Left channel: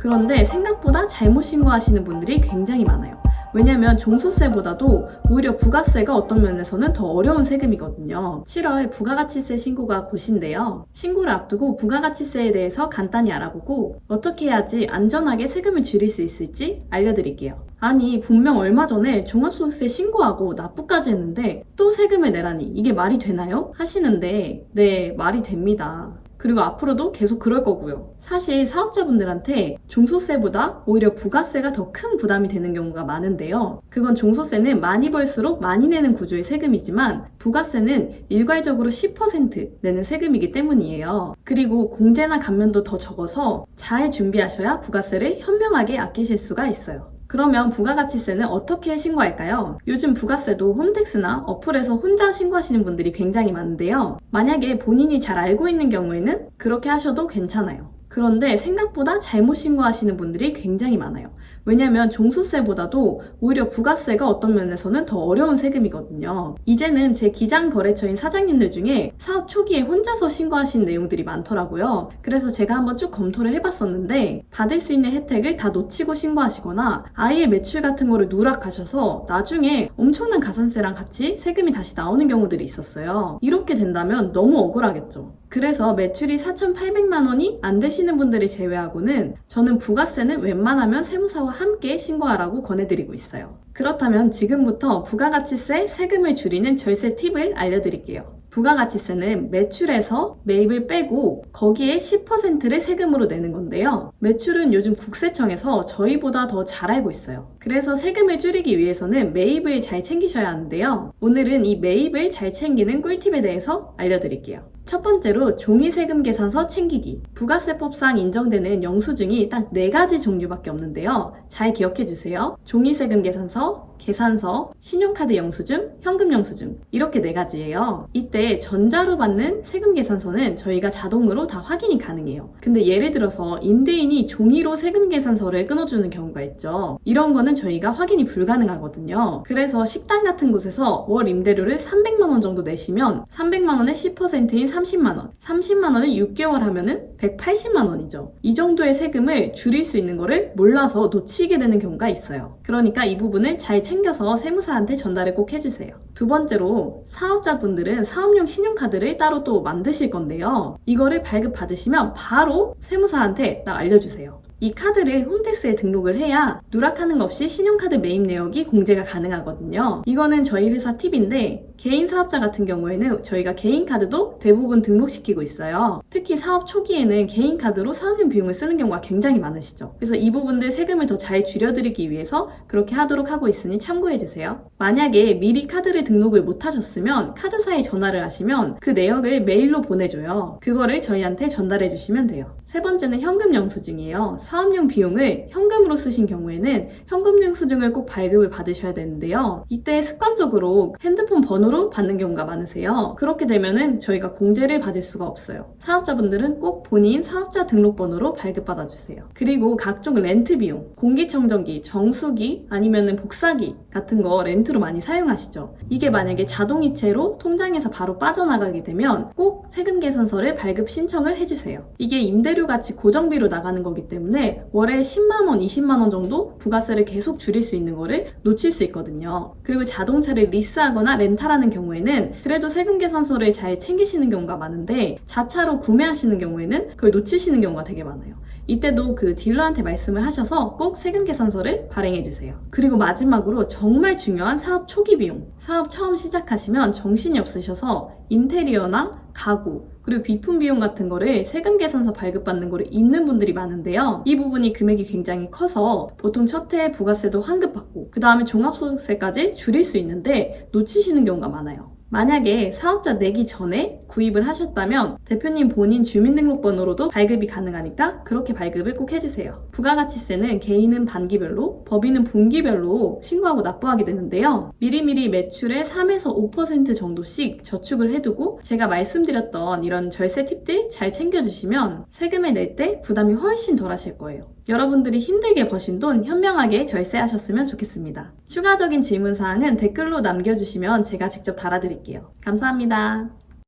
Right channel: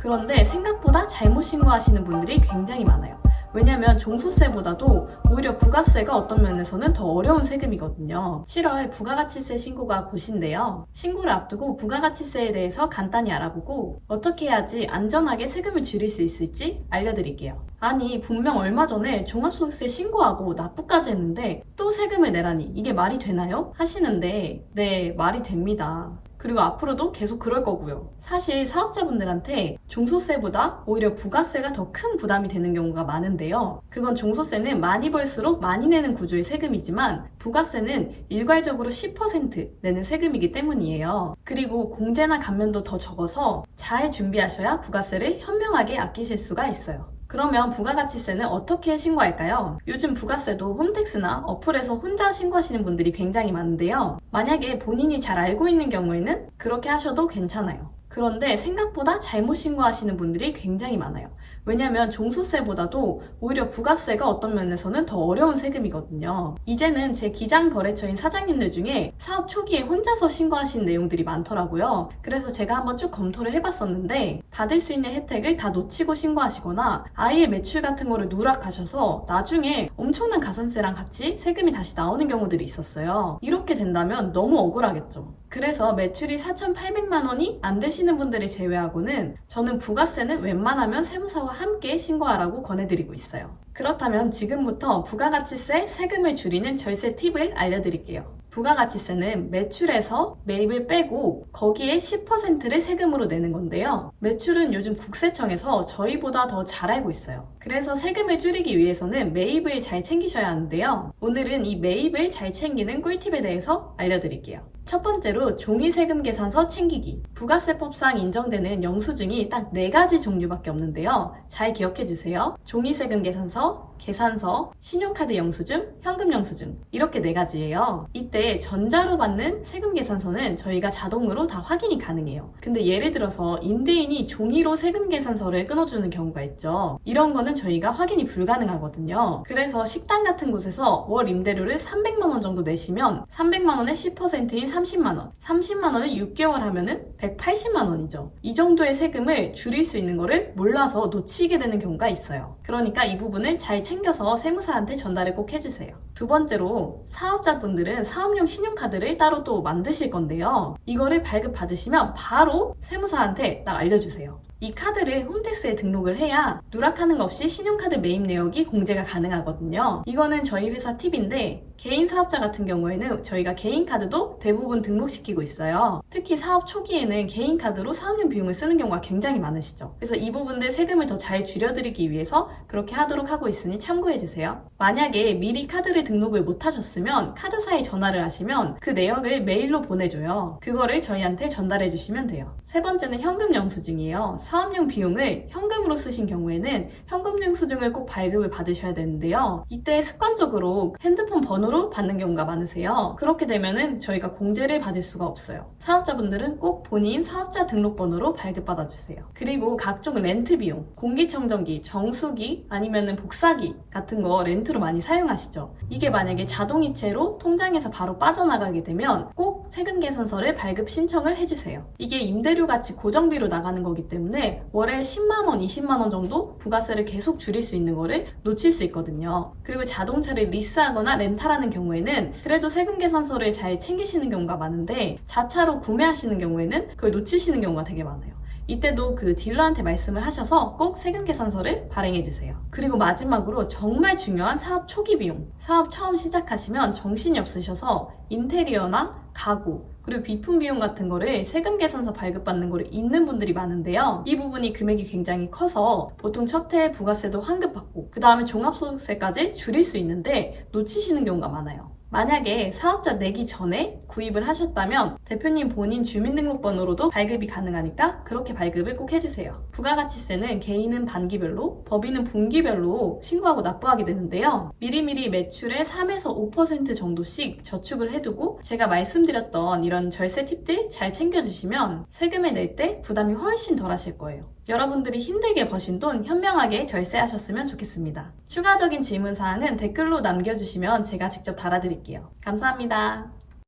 그런데 생각보다 잘못 신고하시는 분들이 굉장히 많아요. 왜냐면 종소세보다도 오히려 부가세가 어떤 면에서는 더 어려운 세금이거든요. 7월 부가가치세 신고가 곧인데요. 신고를 앞두고 부가가치세에 대해서 간단히 알아보고 어떻게 해야지 안전하게 세금을 줄일 수 있을지 알려드릴게요. 아니, 분명 얼마 전에 종합소득세 신고하고 납부까지 했는데 또 세금을 내라니 이게 말이 되나요? 하시는데 네, 말이 됩니다. 그리고 앞으로도 계속 그럴 거고요. 사실 사업자분들한테 종소세보다 오히려 부가세가 더 큰 부담이 되는 경우가 많은데요. 그건 종소세는 많이 벌수록 많이 내는 구조의 세금이지만 부가세는 일괄적으로 10% 내는 세금이기 때문이에요. 그리고 공제나 감면도 더 적어서 잘 준비하셔야 부가세를 현명하게 아끼실 수가 있어요. 그러면 부가가치세는 어떻게 신고할까요? 요즘 부가세도 홈택스나 어플에서 혼자 신고하시는 분들이 굉장히 많은데요. 만약에 본인이 잘 알고 있는 경우에는 그렇게 하셔도 괜찮아요. 그런데 생각보다 잘못 신고하시는 분들이 굉장히 많아요. 왜냐면 종소세보다도 오히려 부가세가 어떤 면에서는 더 어려운 세금이거든요. 이제는 제 기장 거래처인 사장님들 중에 사업 초기에 혼자서 신고하신 내용들이 많더라고요. 그래서 제가 한번 쭉 검토를 해봤었는데 받을 수 있는 혜택을 다 놓치고 신고하시거나 아예 매출 같은 거를 누락하셔서 나중에 엄청난 가산세랑 같이 세금이 다시 나오는 경우들이 있었어요. 이렇게 된다면 너무 억울하겠죠. 그래서 매출이 4,800만 원이 안 되시는 분들을 제외하고는 저는 부가세는 웬만하면 세무사와 함께 신고하라고 권해드리고 있어요. 그렇다면 지금부터 부가가치세 세금을 줄이는 절세 팁을 알려드릴게요. 부가가치세는 매출에서 매입을 빼고 거기에 10%를 세금으로 내는 건데요. 매출은 요즘 국세청에서 저희보다 더 잘 알고 있어요. 그래서 세금을 줄이기 위해서는 매입을 잘 챙기셔야 하는데요. 오늘은 이 매입을 잘 챙기는 꿀팁에 대해서 알려드릴게요. 첫 번째로 종이세금 계산서 챙기기. 부가세법상 인정되는 영수증이 딱 4가지 종류밖에 없는데요. 잘 기억해주세요. 종이세금 계산서, 계산서, 신용카드 영수증, 현금 영수증 이렇게 4가지예요. 이때 전자로 받는 세금 계산서는 저희가 자동으로 다 확인이 가능해요. 근데 예를 들어서 임대인이 종이로 세금 계산서를 끊어주는 경우가 있죠. 이런 거는 저희가 확인이 불가능하거든요. 그래서 식당 같은 곳에서 월 임대료를 300만 원 정도 내시면 300만 원의 10%인 30만 원, 30만 원을 6개월 하면은 180만 원이죠. 이 정도의 세금을 줄일 수 있는 거를 몰라서 놓치게 되는 경우가 있어요. 그러니까 이 부분을 잘 챙겨서 세무사한테 전달을 꼭 해주세요. 두 번째로 사업자분들은 사업용 신용카드를 따로 또 만드실 건데요. 이거를 발급받으시면 바로 세무사한테 딱 알려주세요. 이 카드를 홈택스에 등록을 해야 누락하는 것 없이 신용카드 매입 내역이 공제가 가능하거든요. 이거는 저희 회사 팁인데 개인 사업자 같은 경우에는 저희가 개인 카드도 대부분 등록시키고 있어요. 특히 사업 초기에는 개인 카드로 사업용 비용을 쓰는 경우가 굉장히 많으시죠. 그래서 이 부분들 세금을 더 잘 줄여드리기 위해서 그렇게 하도록 하고 있으니 참고해주세요. 만약에 미리 카드를 등록을 못하셨으면 카드사에 전화를 하시면 그 내역을 메일로 보내줘요. 그거를 저희한테 전달해주시면 돼요. 세 번째는 현금 영수증이에요. 사업용 비용을 현금으로 쓰신 경우에는 현금 영수증을 꼭 발급을 받으셔야 되는데요. 이때 습관적으로 핸드폰 번호로 받는 경우가 많으세요. 그렇게 되면은 저희가 공제를 받을 수가 없어요. 사업자분들은 꼭 본인 사업자 등록번호로 발급받아주세요. 그리고 각종 렌트 비용, 공기청정기, 정수기 아니면은 복사기 같은 거 렌트로 많이 사용하시죠. 이게 만약에 자동이체로 통장에서 바로 빠져나가게 되면 꼭 세금 계산서를 발급 신청을 해주세요. 이게 임대료 같이 고정비로 나가는 거기 때문에 월에 10만원, 20만원 정도 부가세를 계속 줄일 수 있는 거를 놓칠 수 있거든요. 그리고 자동차를 리스하거나 렌탈하는 경우에는 그래도 세금 계산서를 잘 챙기시는 경우가 많은데 자차로 구매하시는 경우에는 그걸 놓치시는 경우가 되게 많아요. 이때도 그 딜러한테 말씀을 하셔서 꼭 세금 계산서를 발행해주세요. 그리고 마지막으로 정말 중요한 사업 초기 비용. 사업 처음 시작하시면 정신이 없으셔서 인테리어나 가구 그리고 비품 비용 같은 거를 세금 계산서 발급받는 거를 잊는 분들이 많은데요. 이 부분이 금액이 굉장히 커서 보통 첫 해에 부가세도 환급받고 그 다음에 종합소득세까지 줄일 수 있는데 놓치시는 경우가 많아요. 만약에 사업자 내기 전에 구입을 하셨다면 대표님 본인 주민등록번호로도 발급이 가능하니까 그렇게 발급을 꼭 해주세요. 부가가치세는 개인은 반기별로, 법인은 분기별로 신고하고 납부하게 되는데요. 미리미리 매출의 3에서 5% 정도씩 저축을 해두고 제가 말씀드렸던 이런 절세 팁들 잘 챙겨주시면 세금을 낼 때 부담이 훨씬 덜 하실 거예요. 여러분들이 힘들게 버신 돈 현명하게 절세하셨으면 좋겠습니다. 추가적인 질문사항은 댓글로 남겨주시면 제가 직접 달아드릴게요. 감사합니다.